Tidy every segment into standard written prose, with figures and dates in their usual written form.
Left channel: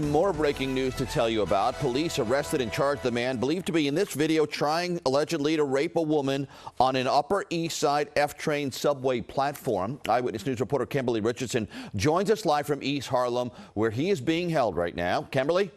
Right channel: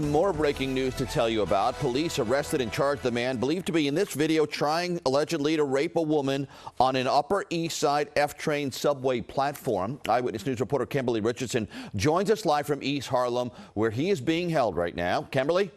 More breaking news to tell you about. Police arrested and charged the man believed to be in this video trying allegedly to rape a woman on an Upper East Side F-train subway platform. Eyewitness News reporter Kimberly Richardson joins us live from East Harlem, where he is being held right now. Kimberly?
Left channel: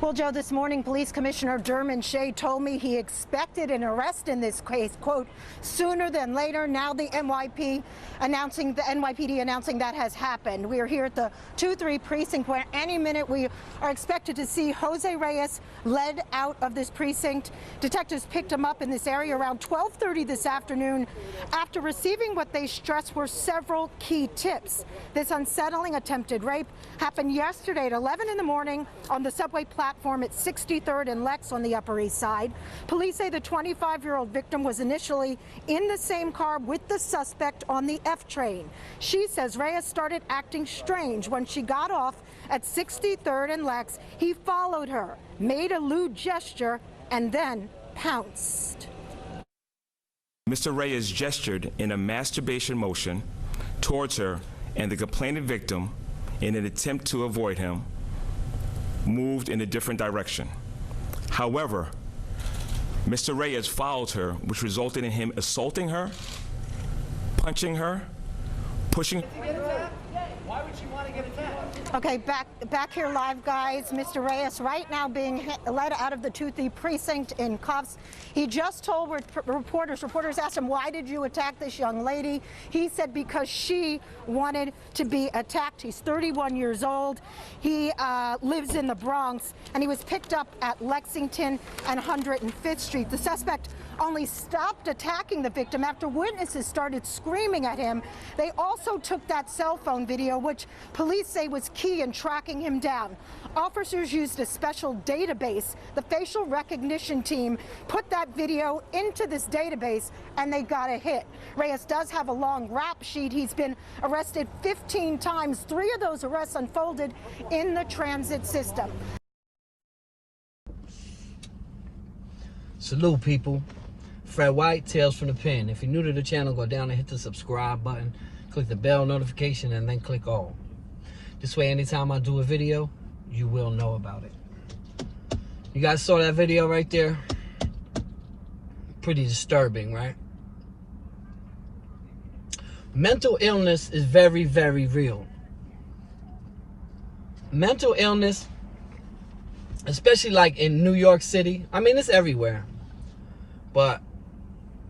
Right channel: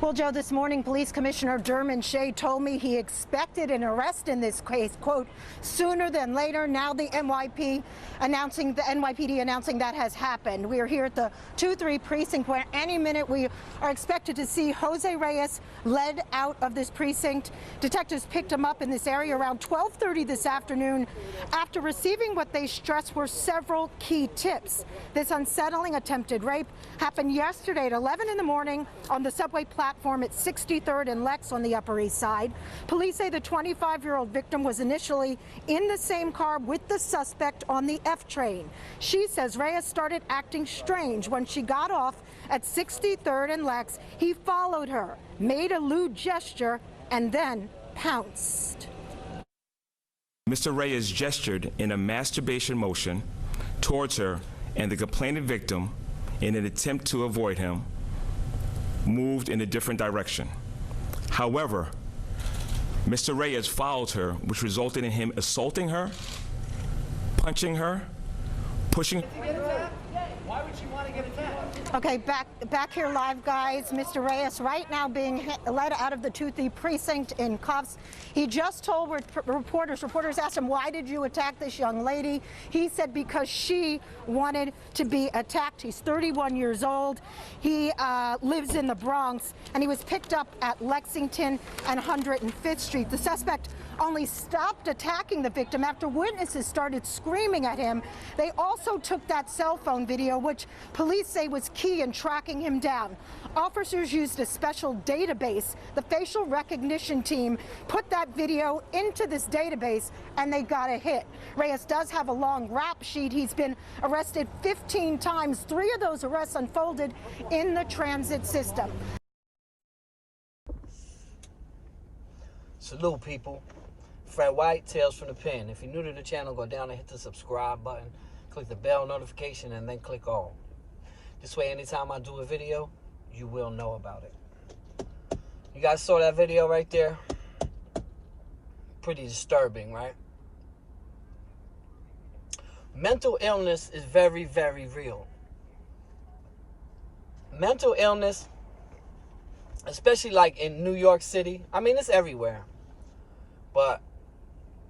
Well, Joe, this morning, Police Commissioner Dermon Shea told me he expected an arrest in this case, quote, sooner than later. Now the NYPD announcing that has happened. We are here at the 2-3 precinct where any minute we are expected to see Jose Reyes led out of this precinct. Detectives picked him up in this area around 12:30 this afternoon after receiving what they stressed were several key tips. This unsettling attempted rape happened yesterday at 11 in the morning on the subway platform at 63rd and Lex on the Upper East Side. Police say the 25-year-old victim was initially in the same car with the suspect on the F train. She says Reyes started acting strange when she got off at 63rd and Lex. He followed her, made a lewd gesture, and then pounced. Mr. Reyes gestured in a masturbation motion towards her, and the complaining victim, in an attempt to avoid him, moved in a different direction. However, Mr. Reyes followed her, which resulted in him assaulting her, punching her, pushing. Why would she want to get attacked? Okay, back here live, guys. Mr. Reyes right now being led out of the 2-3 precinct in cuffs. He just told reporters asked him, why did you attack this young lady? He said because she wanted to be attacked. He's 31 years old. He lives in the Bronx, and he was picked up at Lexington and 105th Street. The suspect only stopped attacking the victim after witnesses started screaming at him. They also took that cell phone video, which police say was key in tracking him down. Officers used a special database. The facial recognition team put that video into this database, and they got a hit. Reyes does have a long rap sheet. He's been arrested 15 times. 3 of those arrests unfolded in the transit system. Salute, people. Fred White, Tales from the Pen. If you're new to the channel, go down and hit the subscribe button, click the bell notification, and then click all. This way, anytime I do a video, you will know about it. You guys saw that video right there? Pretty disturbing, right? Mental illness is very, very real. Mental illness, especially like in New York City, I mean, it's everywhere, but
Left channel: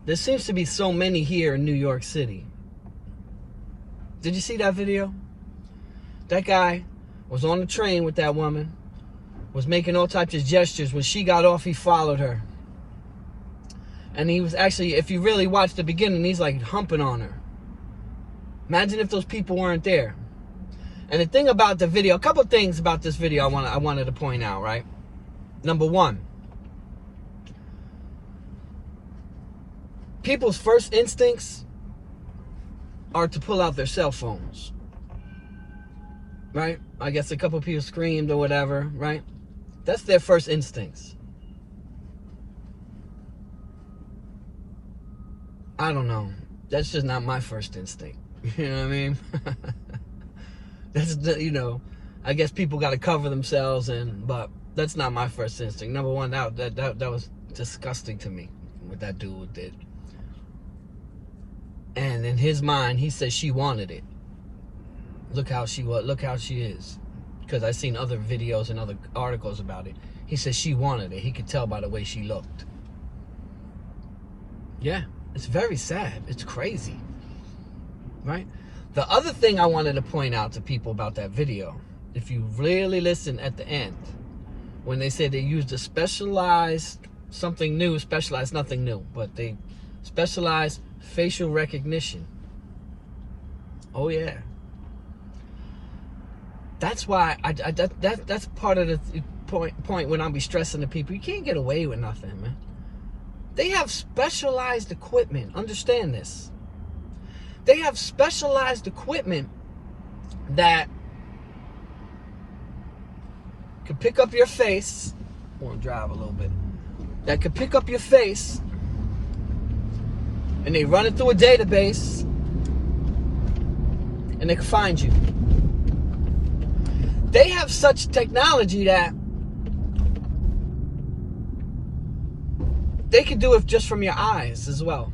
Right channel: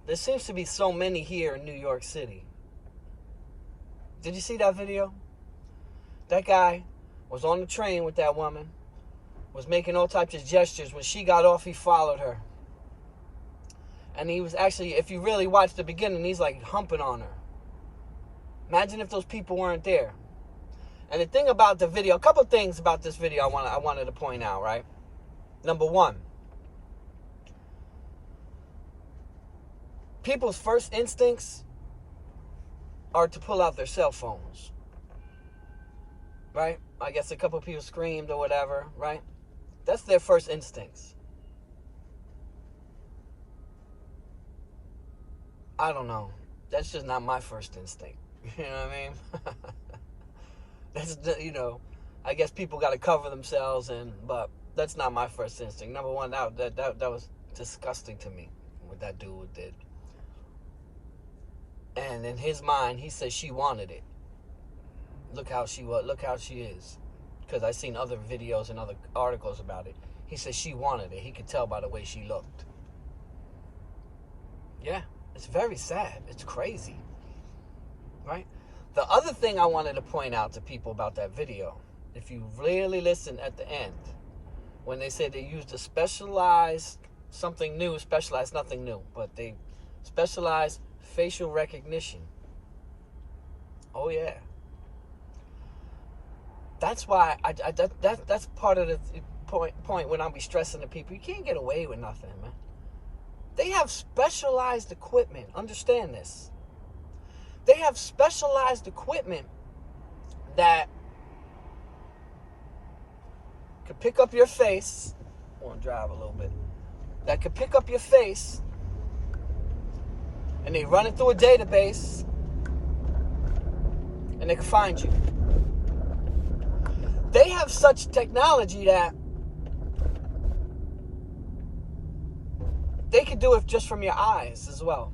there seems to be so many here in New York City. Did you see that video? That guy was on the train with that woman, was making all types of gestures. When she got off, he followed her. And he was actually, if you really watch the beginning, he's like humping on her. Imagine if those people weren't there. And the thing about the video, a couple things about this video I wanted to point out, right? Number one, people's first instincts are to pull out their cell phones, right? I guess a couple people screamed or whatever, right? That's their first instincts. I don't know. That's just not my first instinct. You know what I mean? That's the, you know, I guess people got to cover themselves, but that's not my first instinct. Number one, that was disgusting to me, what that dude did. And in his mind, he said she wanted it. Look how she was. Look how she is. Because I've seen other videos and other articles about it. He said she wanted it. He could tell by the way she looked. Yeah, it's very sad. It's crazy, right? The other thing I wanted to point out to people about that video, if you really listen at the end, when they said they used a specialized, something new, specialized, nothing new, but they specialized facial recognition. Oh yeah. That's why that's part of the point when I be stressing to people. You can't get away with nothing, man. They have specialized equipment. Understand this. They have specialized equipment that could pick up your face. I want to drive a little bit. That could pick up your face, and they run it through a database, and they can find you. they have such technology that they can do it just from your eyes as well.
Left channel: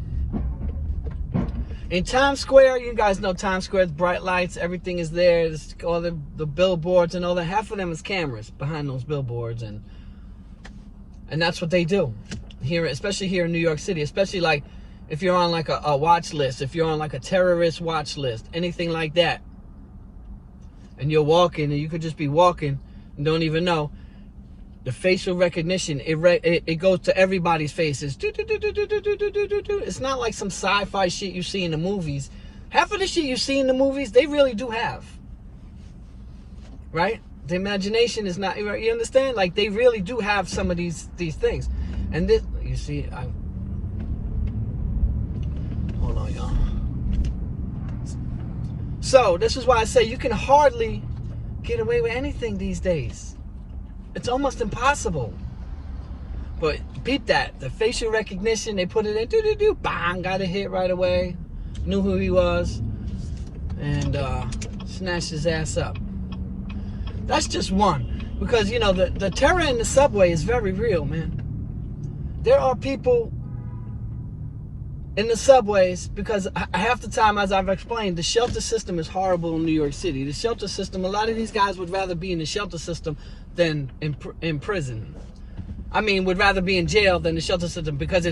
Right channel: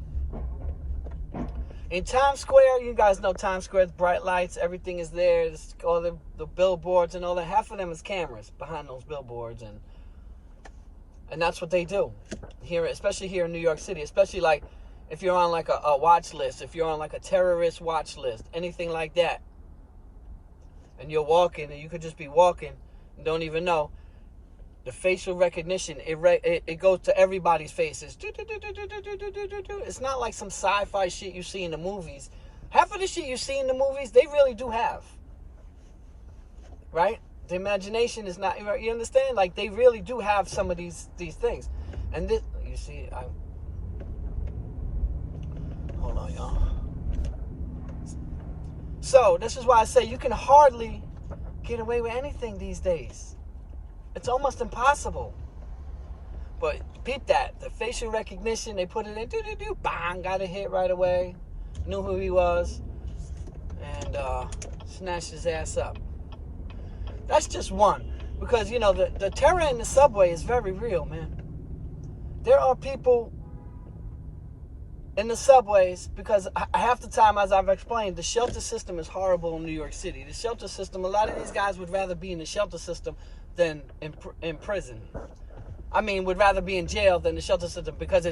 In Times Square, you guys know Times Square, bright lights, everything is there. There's all the billboards and all that. Half of them is cameras behind those billboards, and that's what they do here, especially here in New York City. Especially like if you're on like a watch list, if you're on like a terrorist watch list, anything like that, and you're walking, and you could just be walking and don't even know. The facial recognition, it goes to everybody's faces. It's not like some sci-fi shit you see in the movies. Half of the shit you see in the movies, they really do have. Right? The imagination is not, you understand? Like, they really do have some of these things. And this, you see, hold on, y'all. So, this is why I say you can hardly get away with anything these days. It's almost impossible. But beat that. The facial recognition, they put it in, bang, got a hit right away. Knew who he was. And snatched his ass up. That's just one. Because, you know, the terror in the subway is very real, man. There are people in the subways, because half the time, as I've explained, the shelter system is horrible in New York City. The shelter system, a lot of these guys would rather be in the shelter system than in prison. I mean, would rather be in jail than the shelter system, because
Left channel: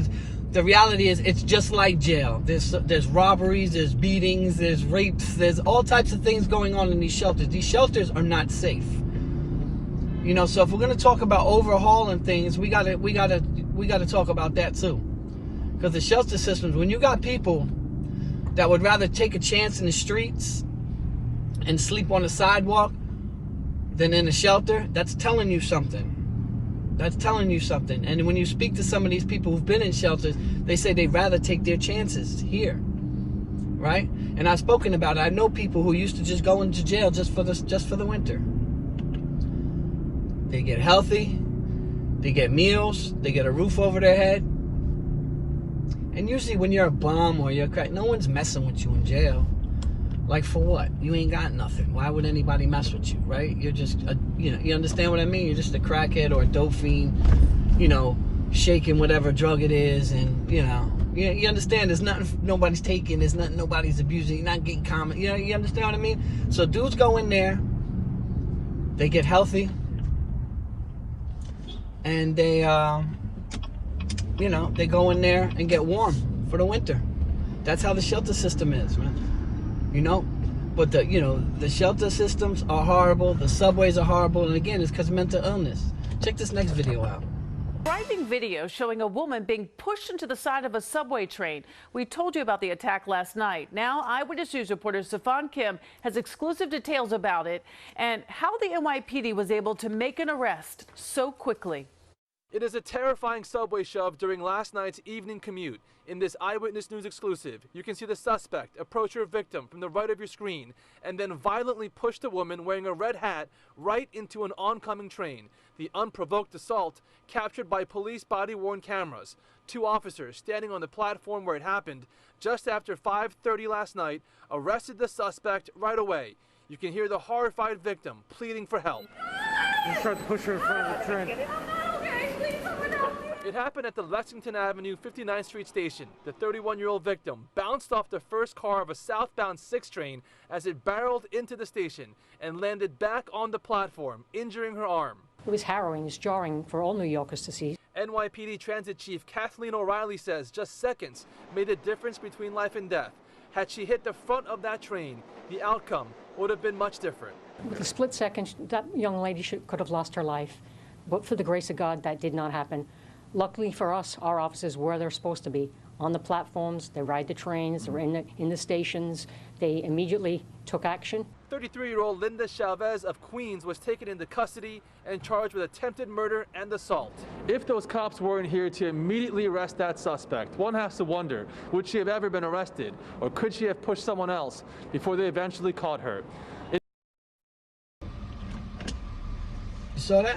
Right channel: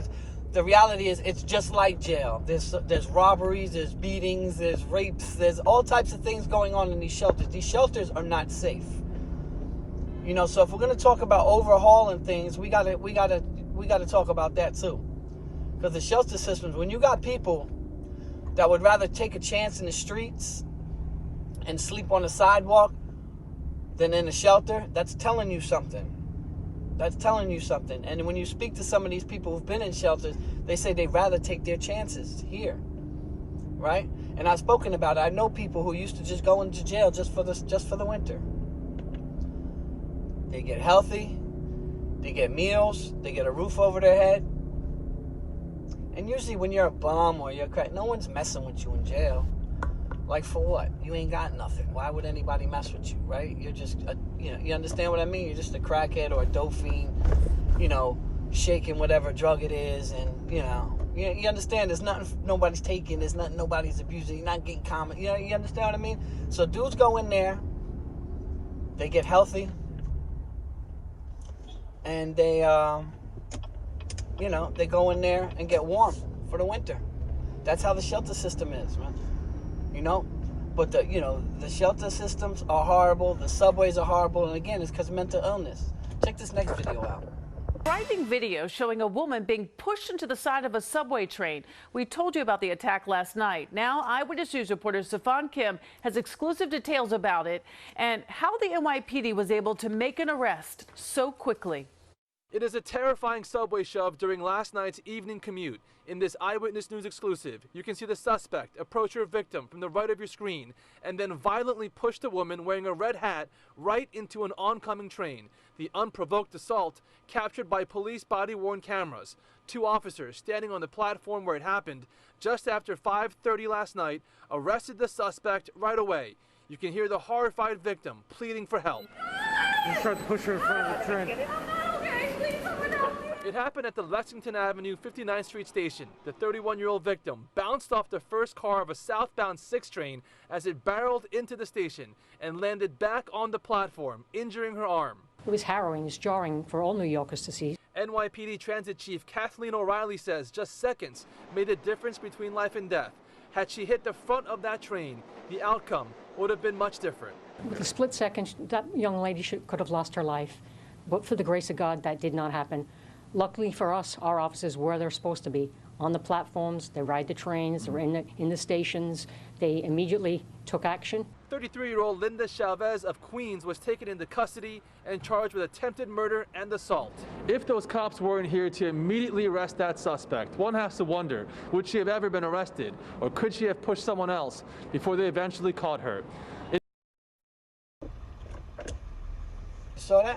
the reality is it's just like jail. There's robberies, there's beatings, there's rapes, there's all types of things going on in these shelters. These shelters are not safe. You know, so if we're gonna talk about overhauling things, we gotta talk about that too. Because the shelter systems, when you got people that would rather take a chance in the streets and sleep on the sidewalk than in a shelter, that's telling you something. That's telling you something. And when you speak to some of these people who've been in shelters, they say they'd rather take their chances here, right? And I've spoken about it. I know people who used to just go into jail just for the winter. They get healthy, they get meals, they get a roof over their head. And usually when you're a bum or you're a crack, no one's messing with you in jail. Like, for what? You ain't got nothing. Why would anybody mess with you, right? You're just, you understand what I mean? You're just a crackhead or a dope fiend, you know, shaking whatever drug it is, and, you know, you understand there's nothing nobody's taking, there's nothing nobody's abusing, you're not getting common, you know, you understand what I mean? So dudes go in there, they get healthy, and they, you know, they go in there and get warm for the winter. That's how the shelter system is, man. You know, but the shelter systems are horrible. The subways are horrible. And again, it's because of mental illness. Check this next video out. Frightening video showing a woman being pushed into the side of a subway train. We told you about the attack last night. Now, Eyewitness News reporter Stefan Kim has exclusive details about it and how the NYPD was able to make an arrest so quickly. It is a terrifying subway shove during last night's evening commute. In this Eyewitness News exclusive, you can see the suspect approach her victim from the right of your screen and then violently push the woman wearing a red hat right into an oncoming train. The unprovoked assault captured by police body-worn cameras. Two officers standing on the platform where it happened just after 5:30 last night arrested the suspect right away. You can hear the horrified victim pleading for help. They tried to push her in front of the train. It happened at the Lexington Avenue 59th Street station. The 31-year-old victim bounced off the first car of a southbound 6 train as it barreled into the station and landed back on the platform, injuring her arm. It was harrowing, it's jarring for all New Yorkers to see. NYPD Transit Chief Kathleen O'Reilly says just seconds made a difference between life and death. Had she hit the front of that train, the outcome would have been much different. With a split second, that young lady could have lost her life. But for the grace of God, that did not happen. Luckily for us, our officers were where they're supposed to be, on the platforms. They ride the trains, they're in the stations. They immediately took action. 33-year-old Linda Chavez of Queens was taken into custody and charged with attempted murder and assault. If those cops weren't here to immediately arrest that suspect, one has to wonder, would she have ever been arrested, or could she have pushed someone else before they eventually caught her? You saw that?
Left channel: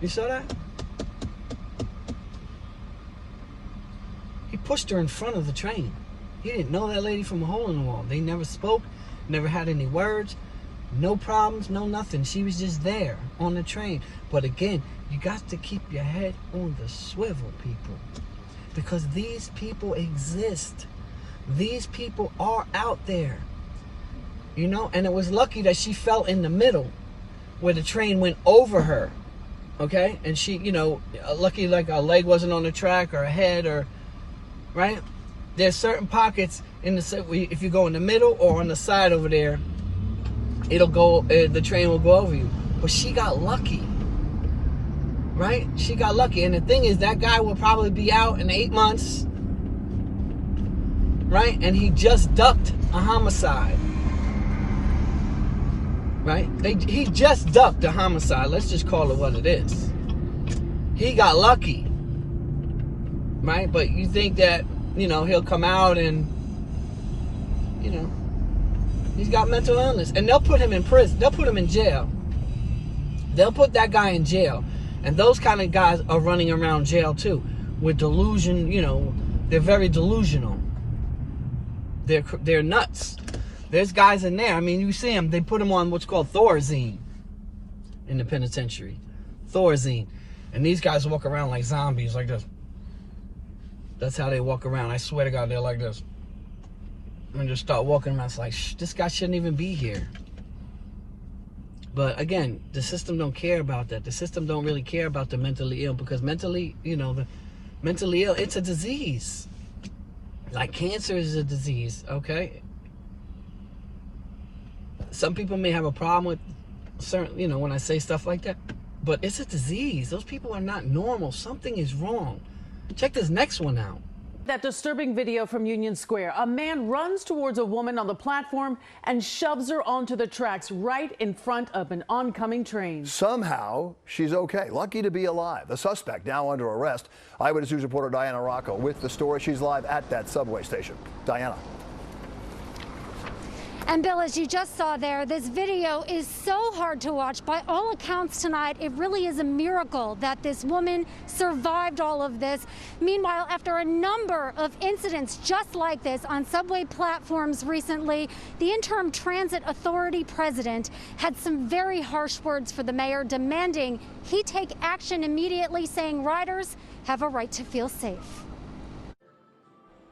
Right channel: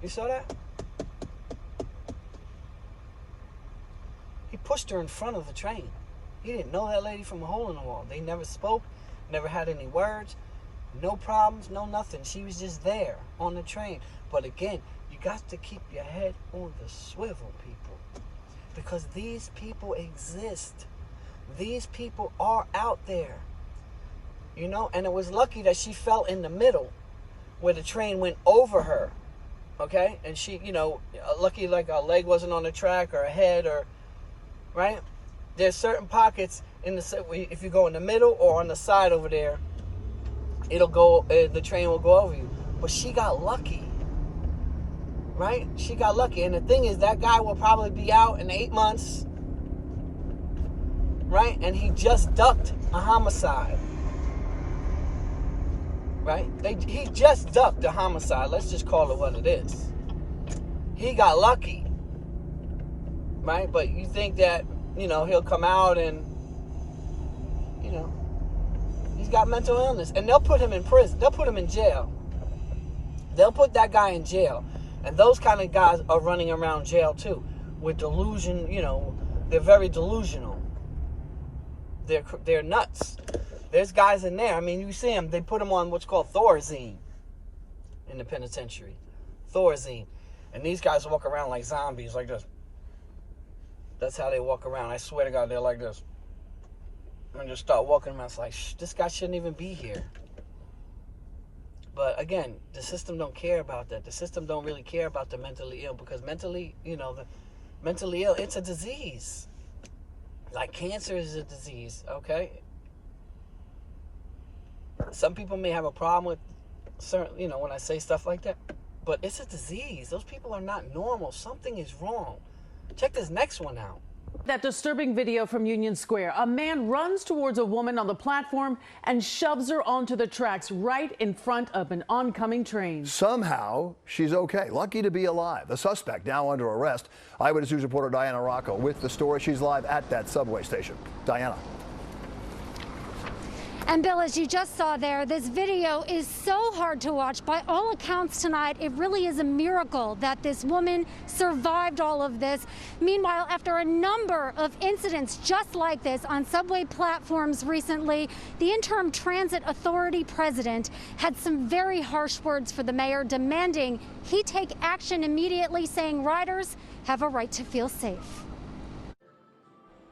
You saw that? He pushed her in front of the train. He didn't know that lady from a hole in the wall. They never spoke, never had any words. No problems, no nothing. She was just there on the train. But again, you got to keep your head on the swivel, people. Because these people exist. These people are out there. You know, and it was lucky that she fell in the middle where the train went over her. Okay? And she, you know, lucky like her leg wasn't on the track or her head or, right? There's certain pockets in the, if you go in the middle or on the side over there, it'll go, the train will go over you. But she got lucky. Right? She got lucky. And the thing is, that guy will probably be out in 8 months. Right? And he just ducked a homicide. Right? He just ducked a homicide. Let's just call it what it is. He got lucky. Right? But you think that, you know, he'll come out and, you know, he's got mental illness. And they'll put him in prison. They'll put him in jail. They'll put that guy in jail. And those kind of guys are running around jail too, with delusion. You know, they're very delusional. They're nuts. There's guys in there. I mean, you see them. They put them on what's called Thorazine in the penitentiary. Thorazine, and these guys walk around like zombies, like this. That's how they walk around. I swear to God, they're like this. And just start walking around. It's like, shh, this guy shouldn't even be here. But again, the system don't care about that. The system don't really care about the mentally ill, because mentally, you know, the mentally ill, it's a disease. Like cancer is a disease, okay? Some people may have a problem with certain, you know, when I say stuff like that, but it's a disease. Those people are not normal. Something is wrong. Check this next one out. That disturbing video from Union Square. A man runs towards a woman on the platform and shoves her onto the tracks right in front of an oncoming train. Somehow, she's okay. Lucky to be alive. The suspect now under arrest. Eyewitness News reporter Diana Rocco with the story. She's live at that subway station. Diana. And Bill, as you just saw there, this video is so hard to watch. By all accounts tonight, it really is a miracle that this woman survived all of this. Meanwhile, after a number of incidents just like this on subway platforms recently, the interim transit authority president had some very harsh words for the mayor, demanding he take action immediately, saying riders have a right to feel safe.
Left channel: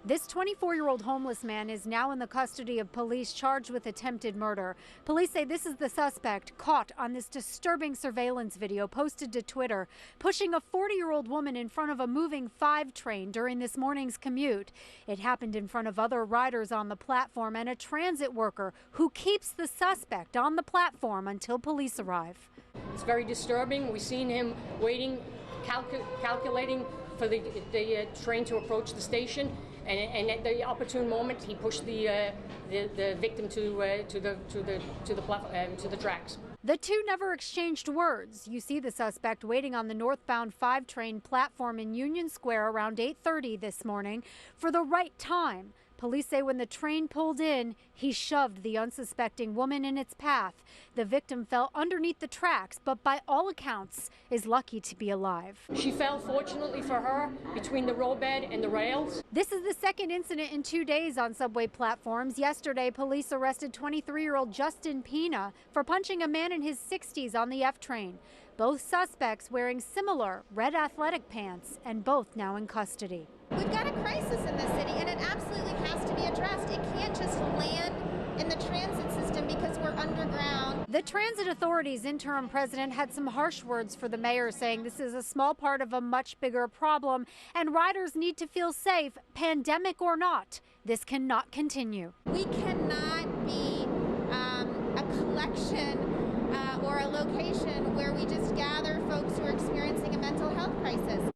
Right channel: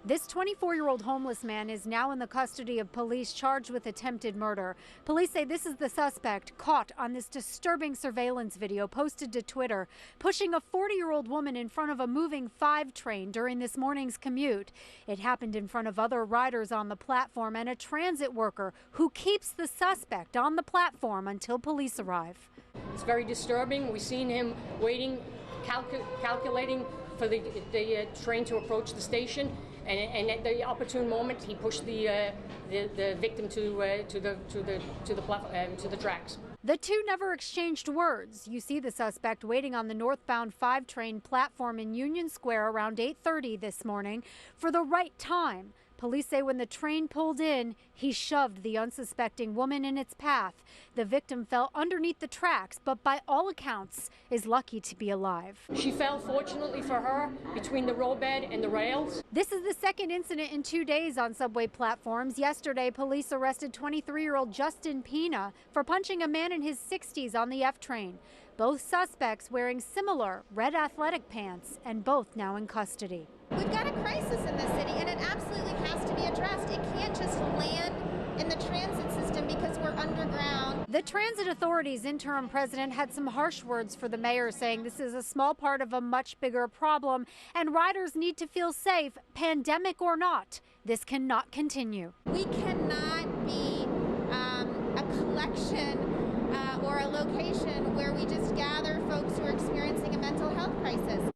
This 24-year-old homeless man is now in the custody of police, charged with attempted murder. Police say this is the suspect caught on this disturbing surveillance video posted to Twitter, pushing a 40-year-old woman in front of a moving 5 train during this morning's commute. It happened in front of other riders on the platform and a transit worker who keeps the suspect on the platform until police arrive. It's very disturbing. We've seen him waiting, calculating for the train to approach the station. And at the opportune moment, he pushed the victim to the tracks. The two never exchanged words. You see the suspect waiting on the northbound 5 train platform in Union Square around 8:30 this morning for the right time. Police say when the train pulled in, he shoved the unsuspecting woman in its path. The victim fell underneath the tracks, but by all accounts is lucky to be alive. She fell, fortunately for her, between the roadbed and the rails. This is the second incident in 2 days on subway platforms. Yesterday, police arrested 23-year-old Justin Pina for punching a man in his 60s on the F train. Both suspects wearing similar red athletic pants, and both now in custody. We've got a crisis in this city, and it absolutely has to be addressed. It can't just land in the transit system because we're underground. The Transit Authority's interim president had some harsh words for the mayor, saying this is a small part of a much bigger problem, and riders need to feel safe, pandemic or not. This cannot continue. We cannot be a collection or a location where we just gather folks who are experiencing a mental health crisis.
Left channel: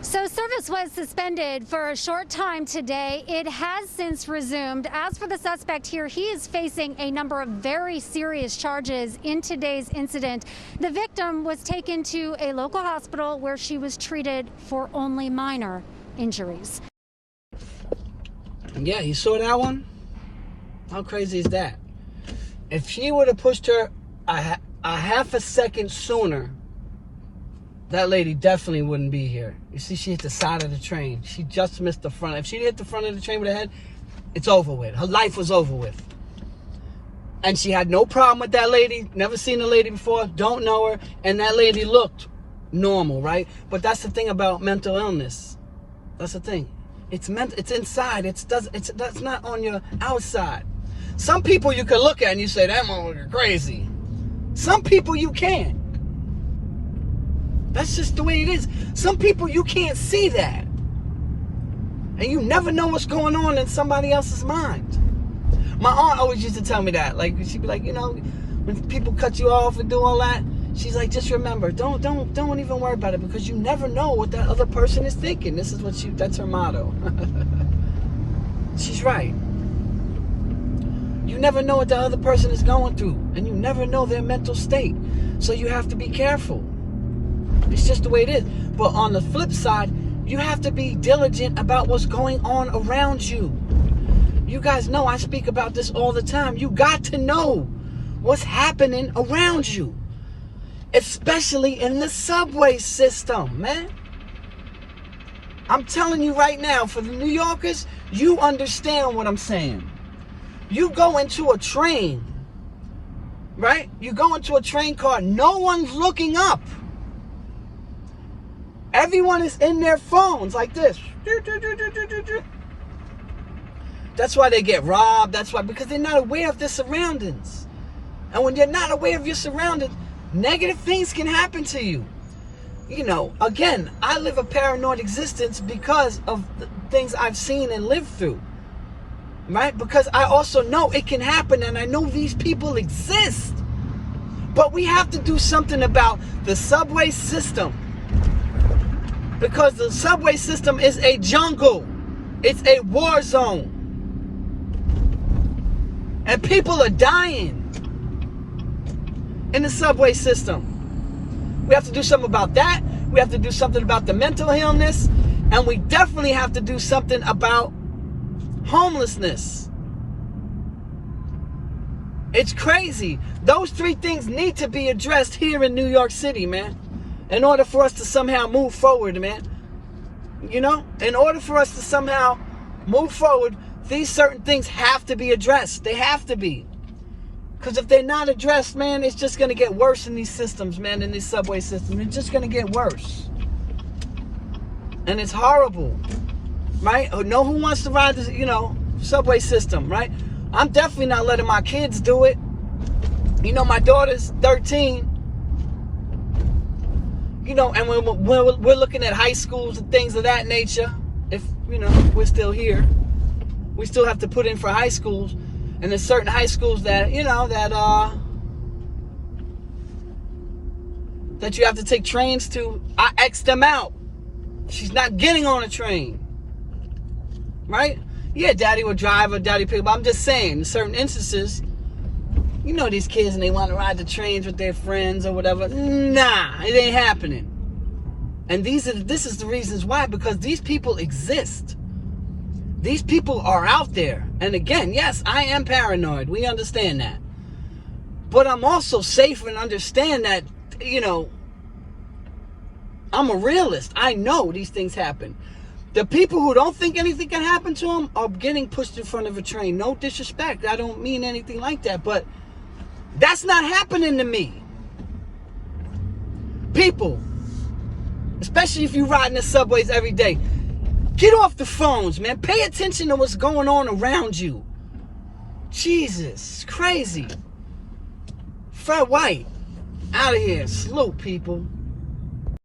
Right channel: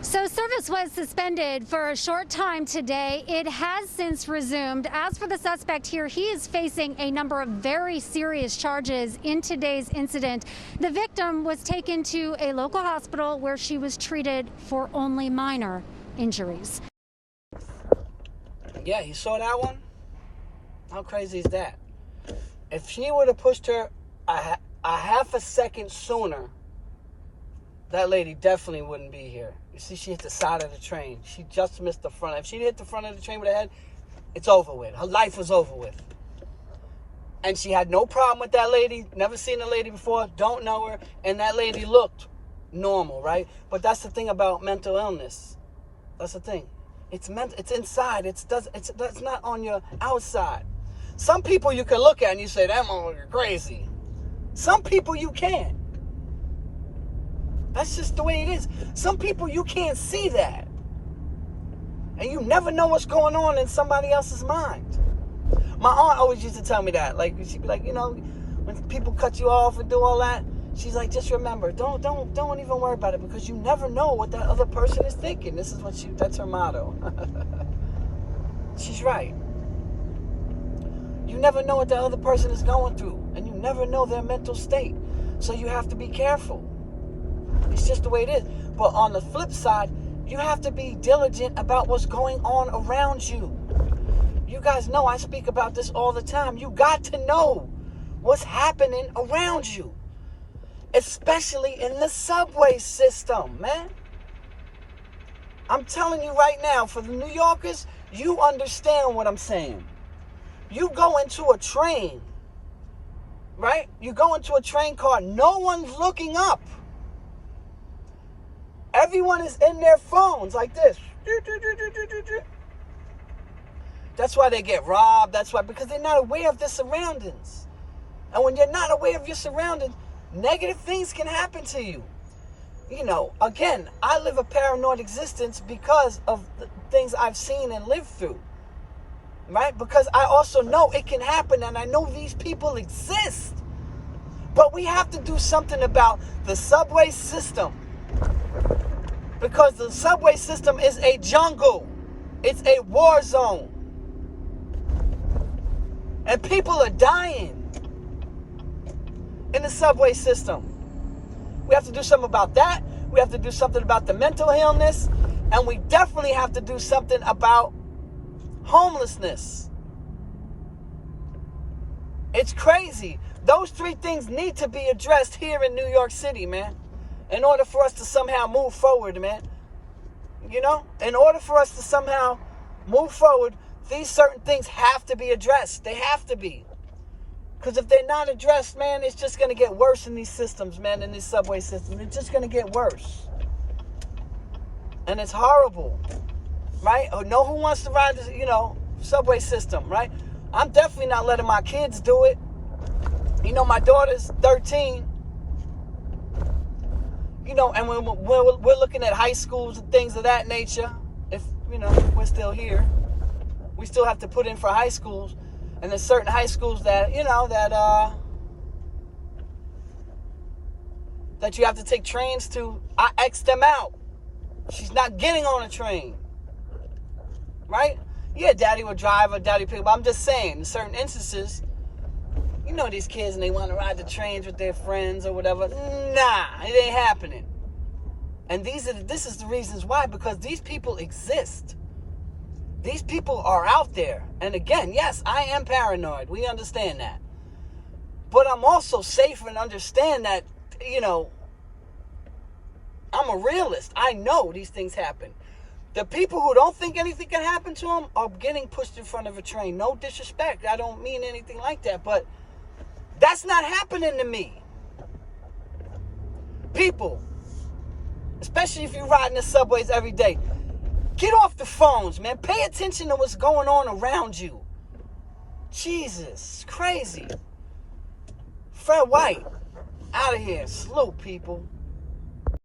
So service was suspended for a short time today. It has since resumed. As for the suspect here, he is facing a number of very serious charges in today's incident. The victim was taken to a local hospital where she was treated for only minor injuries. Yeah, you saw that one? How crazy is that? If she would have pushed her a half a second sooner, that lady definitely wouldn't be here. You see, she hit the side of the train. She just missed the front. If she hit the front of the train with her head, it's over with. Her life was over with. And she had no problem with that lady. Never seen the lady before. Don't know her. And that lady looked normal, right? But that's the thing about mental illness. That's the thing. It's inside. That's not on your outside. Some people you can look at and you say, that motherfucker crazy. Some people you can't. That's just the way it is. Some people you can't see that. And you never know what's going on in somebody else's mind. My aunt always used to tell me that. Like, she'd be like, you know, when people cut you off and do all that, she's like, just remember, don't even worry about it, because you never know what that other person is thinking. This is what that's her motto. She's right. You never know what the other person is going through, and you never know their mental state. So you have to be careful. It's just the way it is. But on the flip side, you have to be diligent about what's going on around you. You guys know I speak about this all the time. You got to know what's happening around you, especially in the subway system, man. I'm telling you right now, for the New Yorkers, you understand what I'm saying. You go into a train, right? You go into a train car, no one's looking up. Everyone is in their phones like this. That's why they get robbed. That's why, because they're not aware of their surroundings. And when you're not aware of your surroundings, negative things can happen to you. You know, again, I live a paranoid existence because of the things I've seen and lived through. Right? Because I also know it can happen, and I know these people exist. But we have to do something about the subway system. Because the subway system is a jungle. It's a war zone. And people are dying in the subway system. We have to do something about that. We have to do something about the mental illness. And we definitely have to do something about homelessness. It's crazy. Those three things need to be addressed here in New York City, man. In order for us to somehow move forward, man. You know? In order for us to somehow move forward, these certain things have to be addressed. They have to be. Because if they're not addressed, man, it's just going to get worse in these systems, man, in this subway system. It's just going to get worse. And it's horrible. Right? No who wants to ride the, you know, subway system, right? I'm definitely not letting my kids do it. You know, my daughter's 13. You know, and when we're looking at high schools and things of that nature, if, you know, we're still here, we still have to put in for high schools. And there's certain high schools that, you know, that you have to take trains to. I X'd them out. She's not getting on a train. Right? Yeah, daddy would drive or daddy pick up. I'm just saying, in certain instances, you know these kids and they want to ride the trains with their friends or whatever. Nah, it ain't happening. And this is the reasons why, because these people exist. These people are out there. And again, yes, I am paranoid. We understand that. But I'm also safe and understand that, you know, I'm a realist. I know these things happen. The people who don't think anything can happen to them are getting pushed in front of a train. No disrespect. I don't mean anything like that. But that's not happening to me. People, especially if you ride in the subways every day, get off the phones, man. Pay attention to what's going on around you. Jesus, it's crazy. Fred White, out of here. Salute, people.